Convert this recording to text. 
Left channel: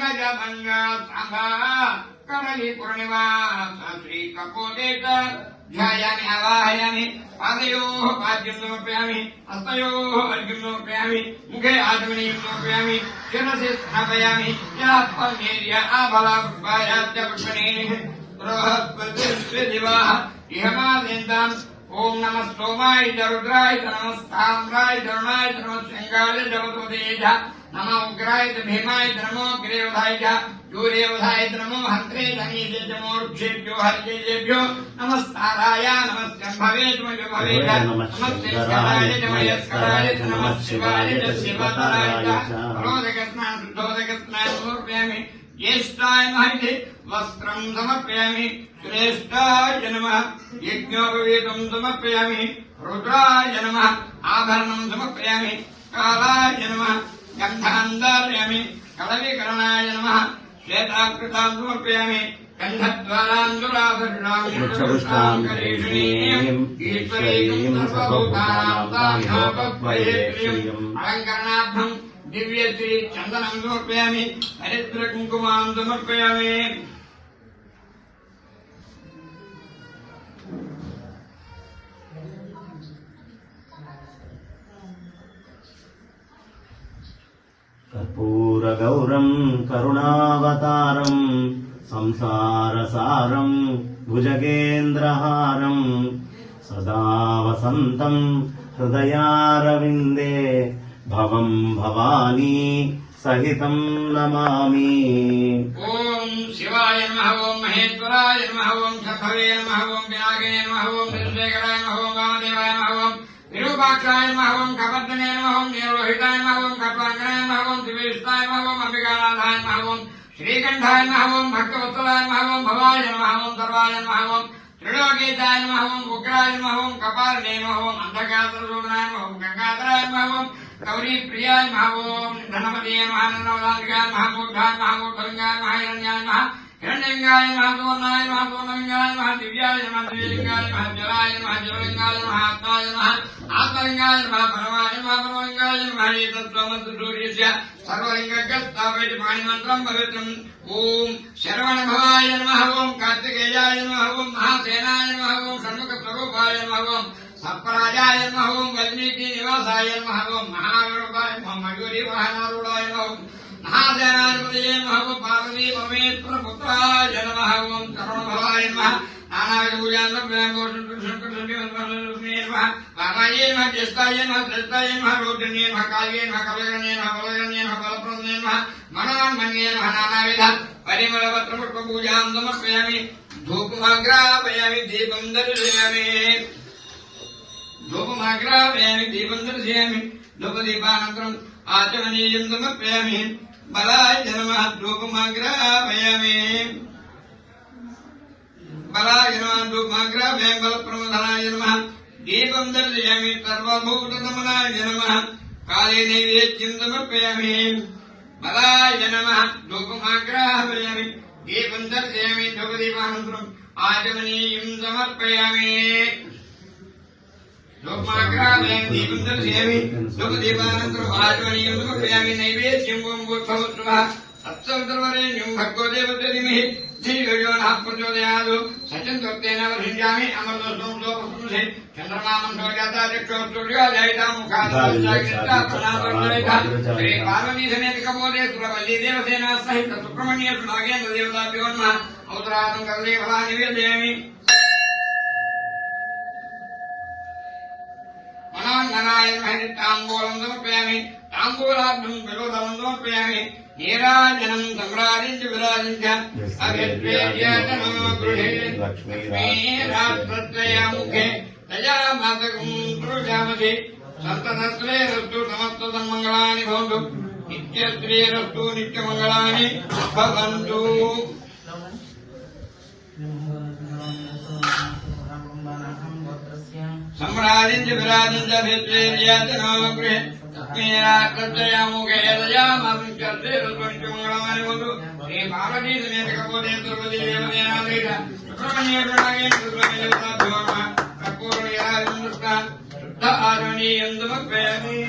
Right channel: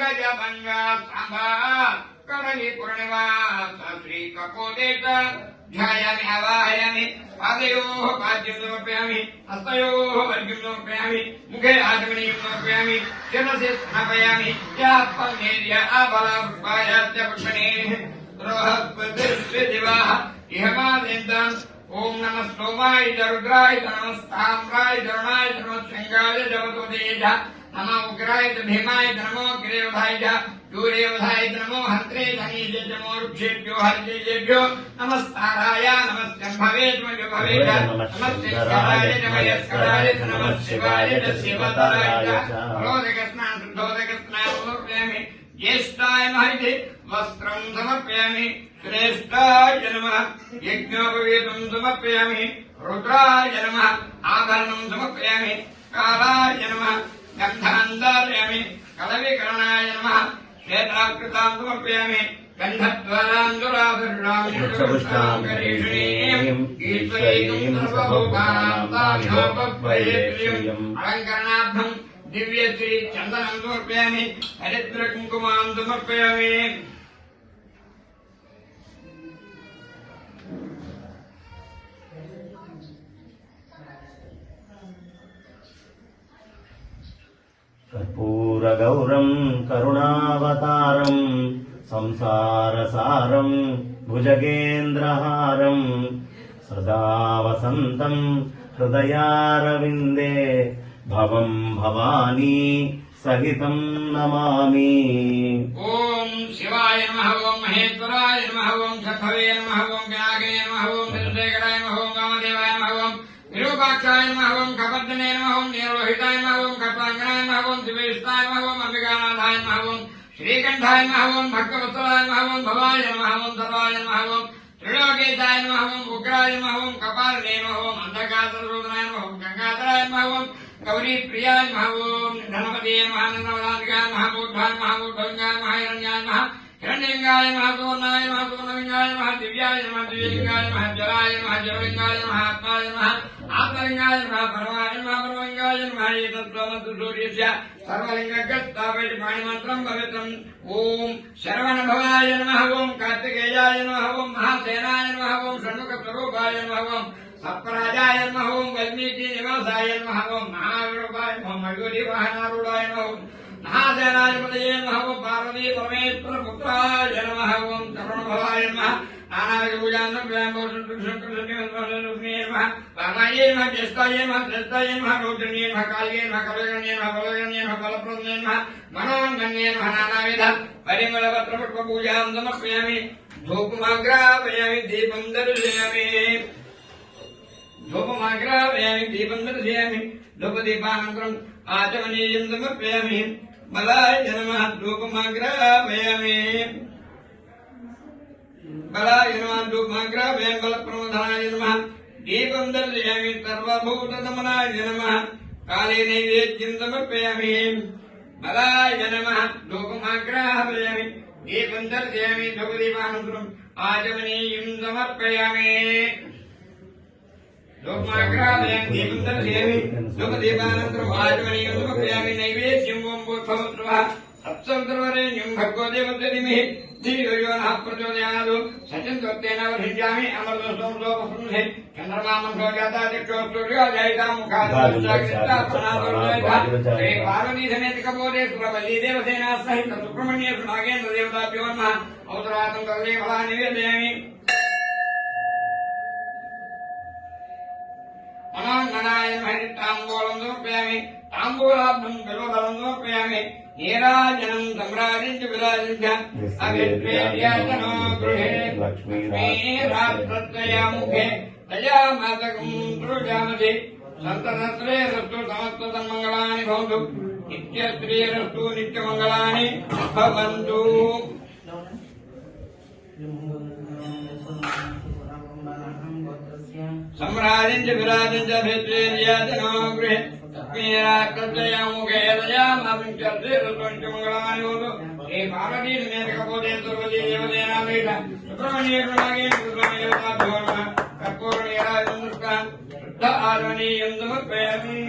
पंगा सांबा करली पूर्णिवास श्री कपोदेत ध्यायामि आवाहयामि पादयोः पाद्यं समर्पयामि हस्तयोः अर्घ्यं समर्पयामि मुखे आचमनीयं समर्पयामि शिरसि स्थापयामि यात्मनेर्य आबलाभ्वायाच्च पक्षणे बृहस्पतिर्दिवाः इहमादेन्तान् ओम नमः सोमाय रुद्राय नमः ताम्राय वरुणाय नमः सिंहाय जगतोदेय नमः उग्राय भीमाय नमो गिरिवधाय सूर्यवधाय नमो हंत्रे धनीजे नमो वृक्षेभ्यो हरिजेभ्यो नमस्ताराय नमस्कंभवे भवे नमः सिंहाय नमः यस्कराय नमः शिवाय शिवतराय रोदकस्नान शुद्धोदकस्नान समर्पयामि ज्येष्ठाय महिते वस्त्रं समर्पयामि श्रेष्ठाय नमः यज्ञोपवीतं समर्पयामि रुद्राय नमः आभरणं समर्पयामि कालाय नमः गन्धान्धारयामि कलविकर्णाय नमः श्वेताकृतां समर्पयामि गन्धद्वारान्दुराधुरां करीषणीं ईश्वरीं सर्वभूतानां ताभ्योपद्वयेत्रियम् अलङ्करणार्थं दिव्यश्री चन्दनं समर्पयामि हरिद्रकुङ्कुमां समर्पयामि कर्पूरगौरं करुणावतारं संसारसारं भुजगेन्द्रहारं सदा वसन्तं हृदयारविन्दे भवं भवानी सहितं नमामि। ओम शिवाय नमः ओम महेश्वराय नमः ओम सखवे नमः ओम विनायकाय नमः ओम विश्वेश्वराय नमः ओम वामदेवाय नमः ओम विरूपाक्षाय नमः ओम कपद्दने नमः ओम नीललोहिताय नमः ओम कपांगनाय नमः ओम दिवेशाय नमः ओम अंबिकानाथाय नमः ओम श्रीकंठाय नमः ओम भक्तवत्सलाय नमः ओम भवाय नमः ओम सर्वाय नमः ओम त्रिलोकेशाय नमः ओम उग्राय नमः ओम कपालने नमः ओम अंधकासुरनाय नमः ओम गंगाधराय नमः ओम गौरी प्रियाय नमः ओम धनपते नमः नवदानिकाय नमः मूर्धाय नमः मूर्धलिंगाय नमः हिरण्याय नमः हिरण्यलिंगाय नमः सुवर्णाय नमः सुवर्णलिंगाय नमः दिव्याय नमः दिव्यलिंगाय नमः जलाय नमः जललिंगाय नमः आत्माय नमः आत्मलिंगाय नमः परमाय नमः परमलिंगाय नमः एतत्त्वमसूर्यस्य सर्वलिंगस्थापयति पाणिमात्रं पवित्रम् ओम शरवणभवाय नमः ओम कार्तिकेयाय नमः ओम महासेनाय नमः ओम षण्मुखस्वरूपाय नमः ओम सप्तराजाय नमः ओम वाल्मीकि निवासाय नमः ओम महावीरूपाय नमः मयूरी वाहनारूढाय नमः ओम महासेनाधिपतये नमः ओम पार्वती परमेश्वर पुत्राय नमः ओम तरुणभवाय नमः रामाय नमः ज्येष्ठाय नमः श्रेष्ठाय नमः रोहिण्ये नमः काल्ये नमः कवलगण्ये नमः बलगण्ये नमः बलप्रदने नमः मनोन्मन्ये नमः नानाविध परिमलपत्रपुष्पपूजां समर्पयामि धूपमाग्रापयामि दीपं दर्शयामि धूपमाग्रापयामि दीपं दर्शयामि धूपदीपानन्तरम् आचमनीयं समर्पयामि बलाय नमः धूपमाग्रापयामि बलाय नमः धूपमाग्रापयामि बलप्रमोदाय नमः दीपं दर्शयामि सर्वभूतदमनाय नमः काले नैवेद्यं समर्पयामि बलाय नमः धूपमाग्रापयामि दीपं दर्शयामि धूपदीपानन्तरम् आचमनीयं समर्पयामि धूपमाग्रापयामि दीपं दर्शयामि धूपदीपानन्तरम् आचमनीयं समर्पयामि नैवेद्यं ओं भूर्भुवः सत्सवितुर्वरेण्यं भर्गो देवस्य धीमहि धियो यो नः प्रचोदयात् सचन्द्वर्तेन वर्षिष्यामि अमृतस्त्वं लोकपुंसे चन्द्रमामं सौजाता चक्षुर्सूर्योदयिता मुखादि श्री पार्वती समेत कपोले सुरवल्ली देवसेन सहित सुब्रह्मण्य नागेन्द्र देवताभ्यो नमः औत्रातं कल्ले फला निवेदयामि मनोन्मनाय नमः ताम्बूलं समर्पयामि ताम्बूलाभ्यं बिल्वफलं समर्पयामि नीराजनं सम्राजिञ्च विराजिञ्च अभिद्वेर्यजनो गृहे लक्ष्मीरात्रत्रयामुखे दयामातकं दृशामसि सप्तसहस्रेरस्तु समस्तसन्मङ्गलानि भवन्तु नित्यश्रीरस्तु नित्यमङ्गलानि भवन्तु सम्राजिञ्च विराजिञ्च अभिद्वेर्यजनो गृहे लक्ष्मीरात्रत्रयामुखे दयामातकं मंगलानि भवन्तु श्री पार्वती समेत कपोले सुरवल्ली देवसेनासहित सुब्रह्मण्य नागेन्द्र देवताभ्यो नमः कर्पूरनीराजनं शुद्ध आचमनीयं समर्पयामि।